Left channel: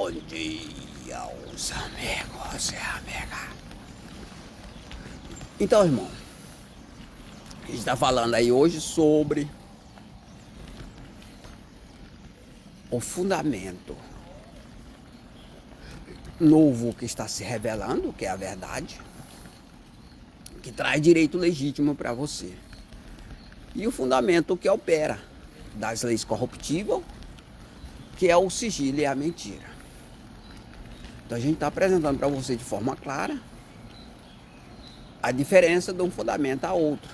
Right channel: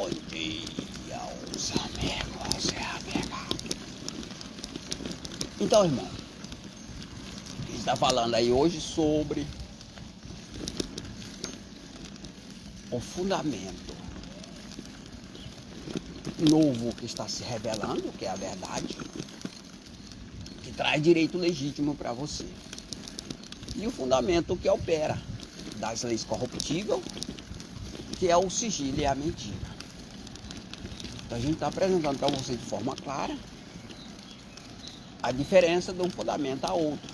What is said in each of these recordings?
bom dia aos amigos e amigas. Então, irmão, a gente está falando aí hoje sobre o fundamento novo que está se revelando, que é a verdade, que traz direito legítimo para você. E o fundamento que opera das leis corruptíveis, que é o sigilo e a mentira. Então a gente está apresentando para você de forma clara a diferença de um fundamento a outro.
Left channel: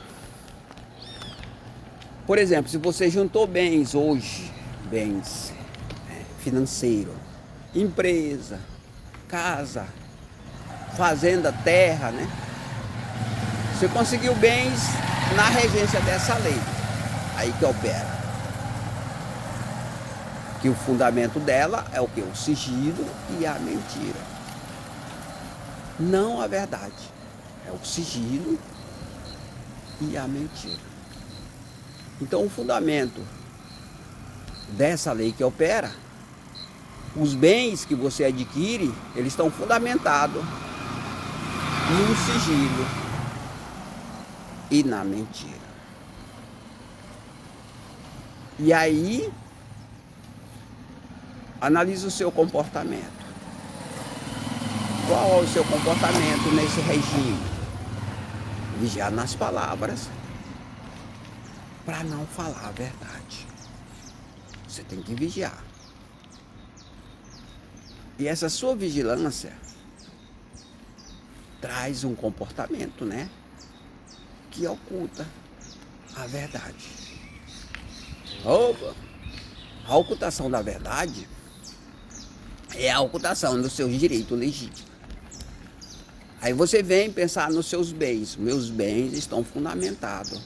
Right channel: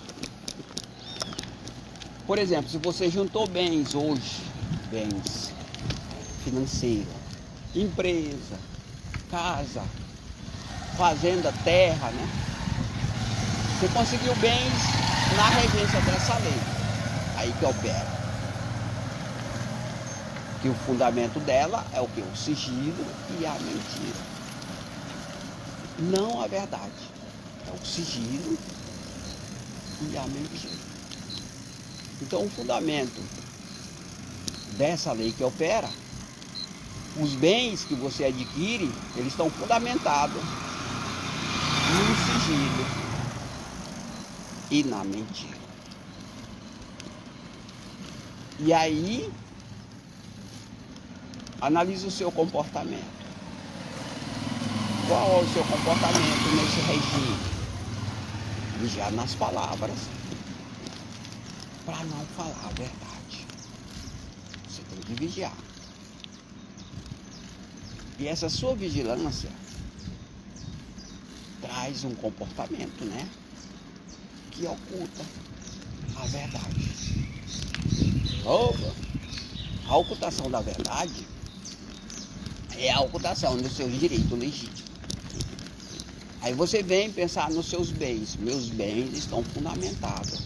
Por exemplo, se você juntou bens hoje, bens financeiros, empresa, casa, fazenda, terra, né? Você conseguiu bens na regência dessa lei, aí que opera. Que o fundamento dela é o que? O sigilo e a mentira. Não a verdade. É o sigilo e a mentira. Então o fundamento dessa lei que opera, os bens que você adquire, eles estão fundamentados no sigilo e na mentira. E aí, analise o seu comportamento. Qual é o seu comportamento nesse regime? Vigiar nas palavras para não falar a verdade. Você tem que vigiar. E essa sua vigilância traz um comportamento, né? Que oculta a verdade. A ocultação da verdade é a ocultação dos seus direitos legítimos. Aí você vem pensar nos seus bens. Meus bens estão fundamentados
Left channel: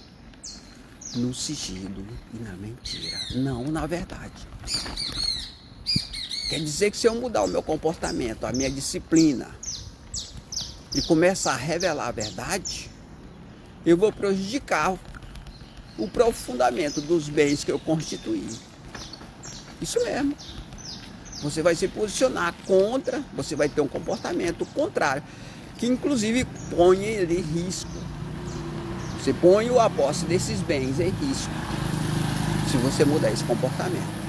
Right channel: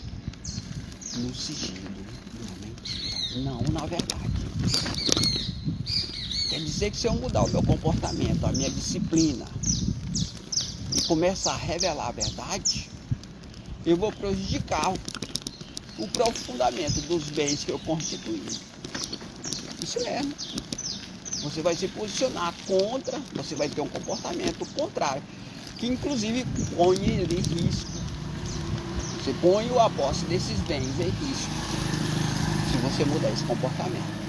no sigilo e na mentira, não na verdade. Quer dizer que se eu mudar o meu comportamento, a minha disciplina e começar a revelar a verdade, eu vou prejudicar o próprio fundamento dos bens que eu constituí. Isso mesmo. Você vai se posicionar contra, você vai ter um comportamento contrário, que inclusive põe em risco. Você põe a posse desses bens em risco, se você mudar esse comportamento.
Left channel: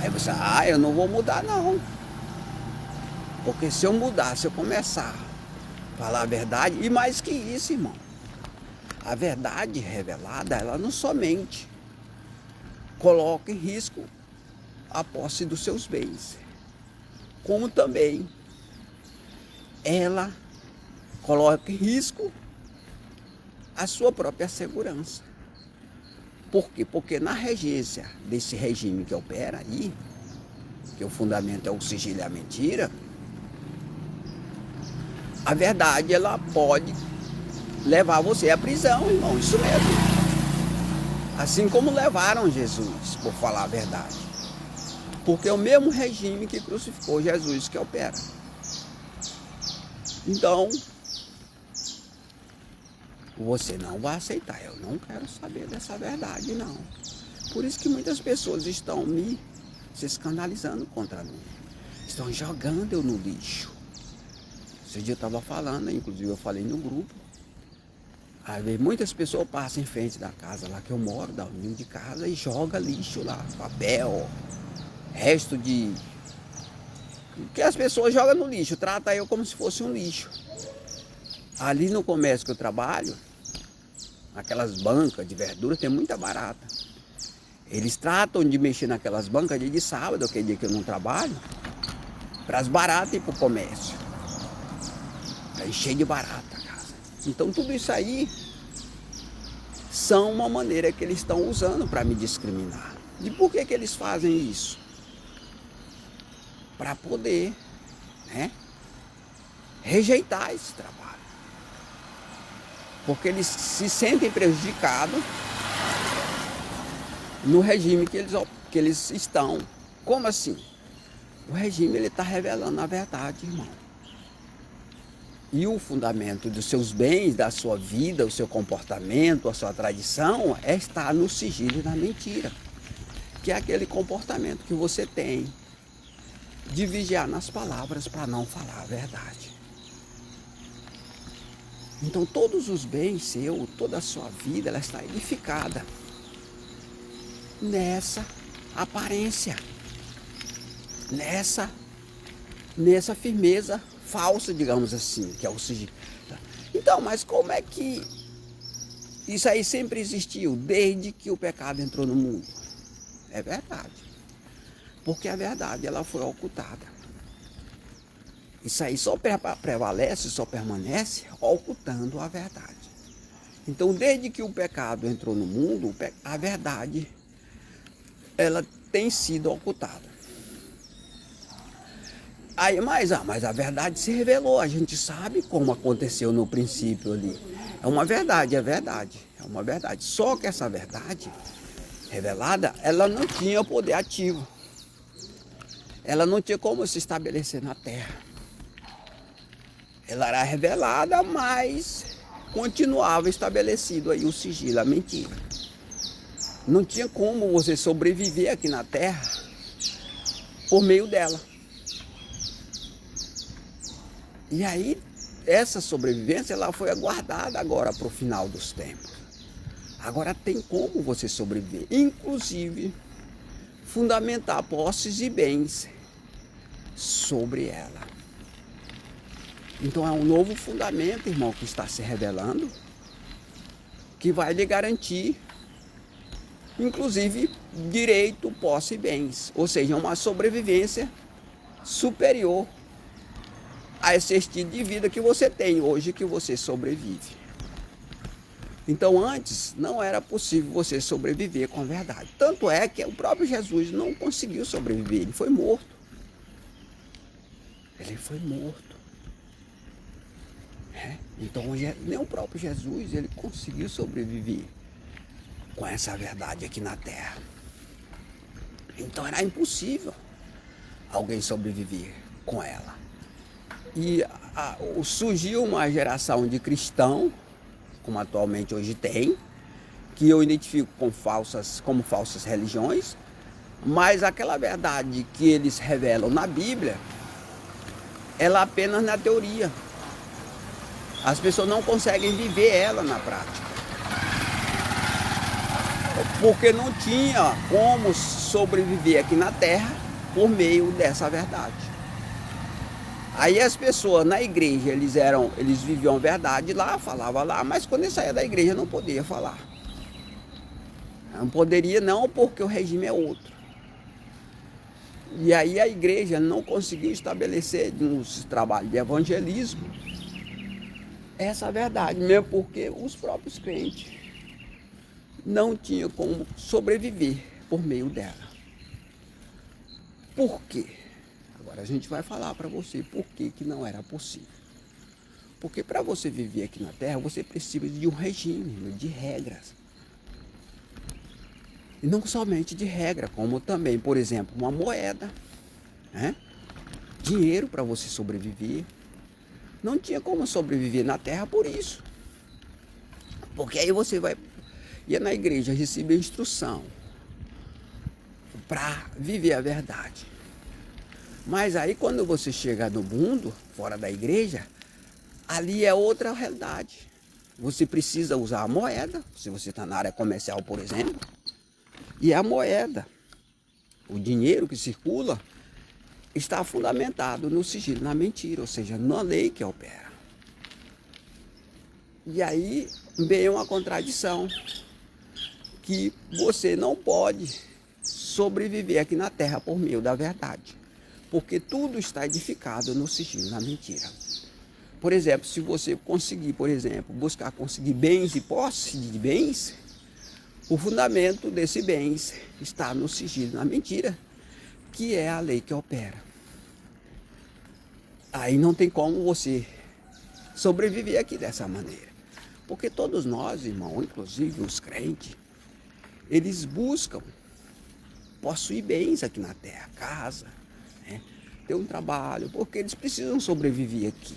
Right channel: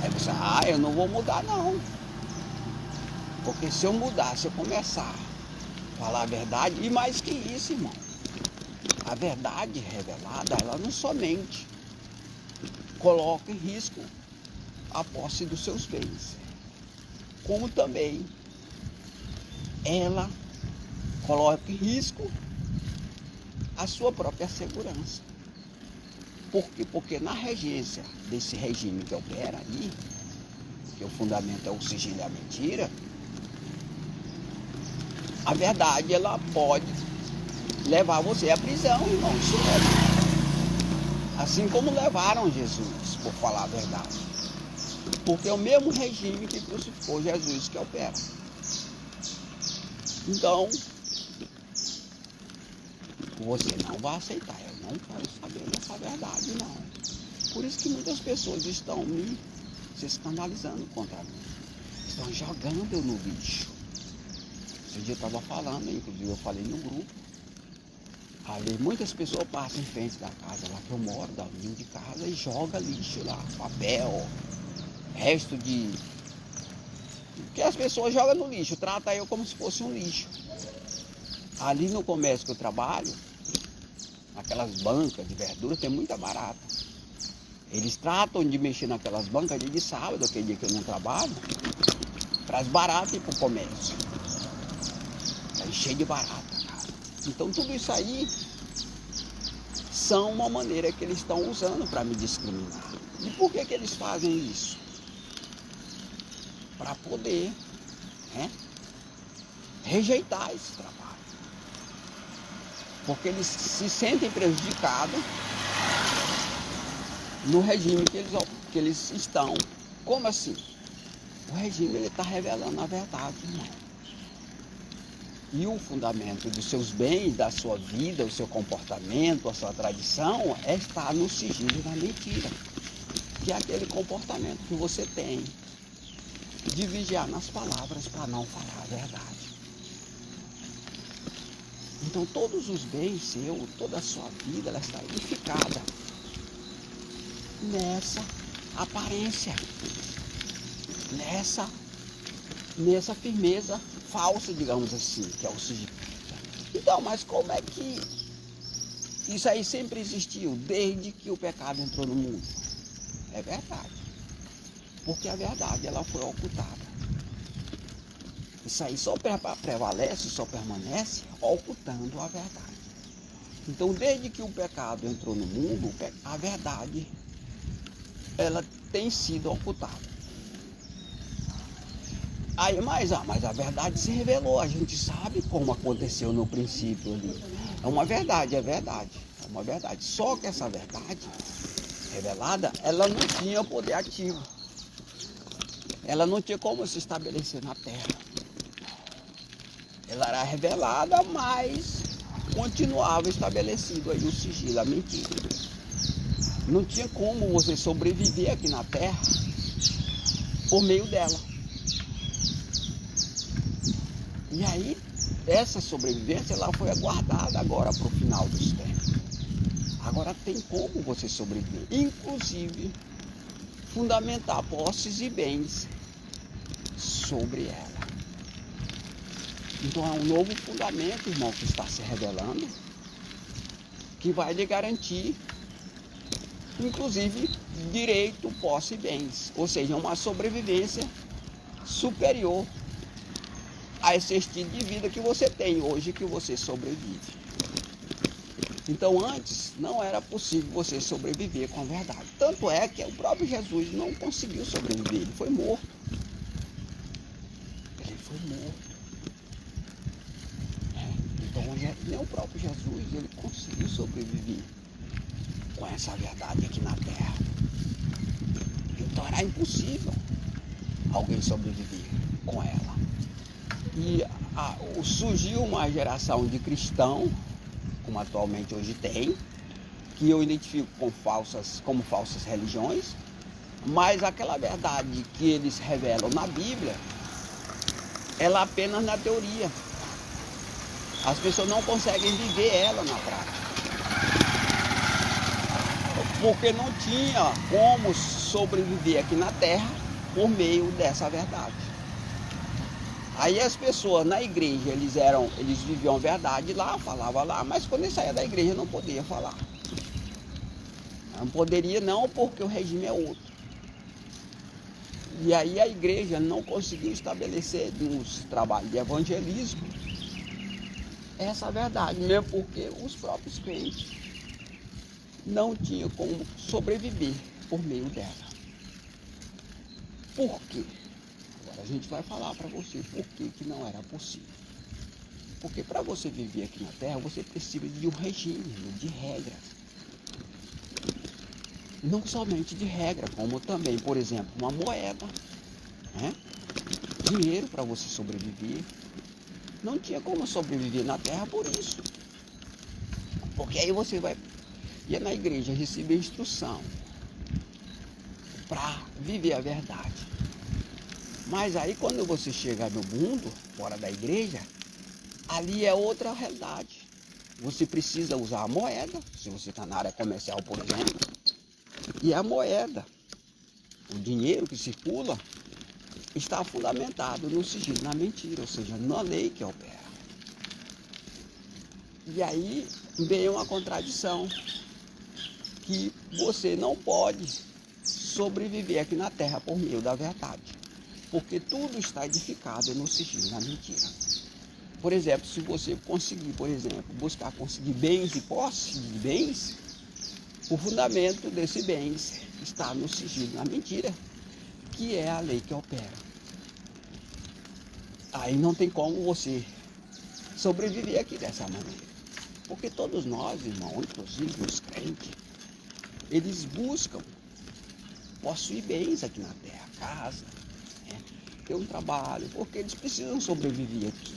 Aí você, eu não vou mudar não. Porque se eu mudar, se eu começar a falar a verdade, e mais que isso, irmão, a verdade revelada, ela não somente coloca em risco a posse dos seus bens, como também ela coloca em risco a sua própria segurança. Por quê? Porque na regência desse regime que opera aí, que o fundamento é o sigilo e a mentira, a verdade ela pode levar você à prisão, irmão, isso mesmo. Assim como levaram Jesus, por falar a verdade. Porque é o mesmo regime que crucificou Jesus que opera. Então, você não vai aceitar. Eu não quero saber dessa verdade, não. Por isso que muitas pessoas estão se escandalizando contra mim. Estão jogando eu no lixo. Esse dia eu estava falando, inclusive eu falei no grupo. Aí muitas pessoas passam em frente da casa lá que eu moro, da linha de casa, e joga lixo lá, papel, resto de... O que as pessoas jogam no lixo, trata eu como se fosse um lixo. Ali no comércio que eu trabalho, aquelas bancas de verdura, tem muita barata. Eles tratam de mexer naquelas bancas dia de sábado, aquele dia que eu não trabalho, para as baratas ir para o comércio. Aí cheio de barata, cara. Então tudo isso aí são uma maneira que eles estão usando para me discriminar. E por que eles fazem isso? Para poder, né, rejeitar esse trabalho. Porque eles se sentem prejudicados no regime que eles estão. Como assim? O regime está revelando a verdade, irmão. E o fundamento dos seus bens, da sua vida, o seu comportamento, a sua tradição, está no sigilo e na mentira. Que é aquele comportamento que você tem de vigiar nas palavras para não falar a verdade. Então todos os bens seu, toda a sua vida, ela está edificada nessa aparência, nessa firmeza falsa, digamos assim, que é o sigilo. Então, mas como é que isso aí sempre existiu, desde que o pecado entrou no mundo? É verdade. Porque a verdade, ela foi ocultada. Isso aí só prevalece, só permanece ocultando a verdade. Então, desde que o pecado entrou no mundo, a verdade, ela tem sido ocultada. Aí, mas a verdade se revelou, a gente sabe como aconteceu no princípio ali. É uma verdade, é verdade, é uma verdade. Só que essa verdade revelada, ela não tinha poder ativo. Ela não tinha como se estabelecer na terra. Ela era revelada, mas continuava estabelecido aí o sigilo, a mentira. Não tinha como você sobreviver aqui na terra por meio dela. E aí, essa sobrevivência, ela foi aguardada agora para o final dos tempos. Agora tem como você sobreviver, inclusive fundamentar posses e bens sobre ela. Então é um novo fundamento, irmão, que está se revelando, que vai lhe garantir, inclusive, direito, posse e bens. Ou seja, uma sobrevivência superior a esse estilo de vida que você tem hoje, que você sobrevive. Então antes não era possível você sobreviver com a verdade. Tanto é que o próprio Jesus não conseguiu sobreviver, ele foi morto. Ele foi morto. Então nem o próprio Jesus ele conseguiu sobreviver com essa verdade aqui na terra. Então era impossível alguém sobreviver com ela. E surgiu uma geração de cristãos, como atualmente hoje tem, que eu identifico como falsas religiões, mas aquela verdade que eles revelam na Bíblia, ela apenas na teoria. As pessoas não conseguem viver ela na prática. Porque não tinha como sobreviver aqui na terra por meio dessa verdade. Aí as pessoas na igreja, eles viviam a verdade lá, falavam lá, mas quando eles saíam da igreja não podia falar. Não poderia não, porque o regime é outro. E aí a igreja não conseguiu estabelecer nos trabalhos de evangelismo essa verdade, mesmo porque os próprios crentes não tinham como sobreviver por meio dela. Por quê? Agora a gente vai falar para você por que não era possível. Porque para você viver aqui na Terra, você precisa de um regime, de regras. E não somente de regra, como também, por exemplo, uma moeda, né? Dinheiro para você sobreviver. Não tinha como sobreviver na terra por isso. Porque aí você ia na igreja receber instrução para viver a verdade. Mas aí quando você chega no mundo, fora da igreja, ali é outra realidade. Você precisa usar a moeda, se você está na área comercial, por exemplo, e a moeda, o dinheiro que circula, está fundamentado no sigilo, na mentira, ou seja, na lei que opera. E aí vem uma contradição, que você não pode sobreviver aqui na terra por meio da verdade, porque tudo está edificado no sigilo, na mentira. Por exemplo, se você conseguir, conseguir bens e posse de bens, o fundamento desse bens está no sigilo, na mentira, que é a lei que opera. Aí não tem como você sobreviver aqui dessa maneira. Porque todos nós, irmão, inclusive os crentes, eles buscam possuir bens aqui na terra, casa, né? Ter um trabalho, porque eles precisam sobreviver aqui.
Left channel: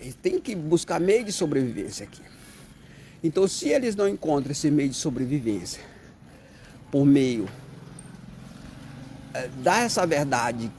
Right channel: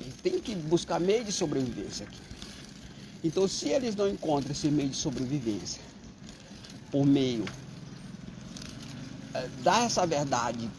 Eles têm que buscar meio de sobrevivência aqui. Então, se eles não encontram esse meio de sobrevivência por meio dar essa verdade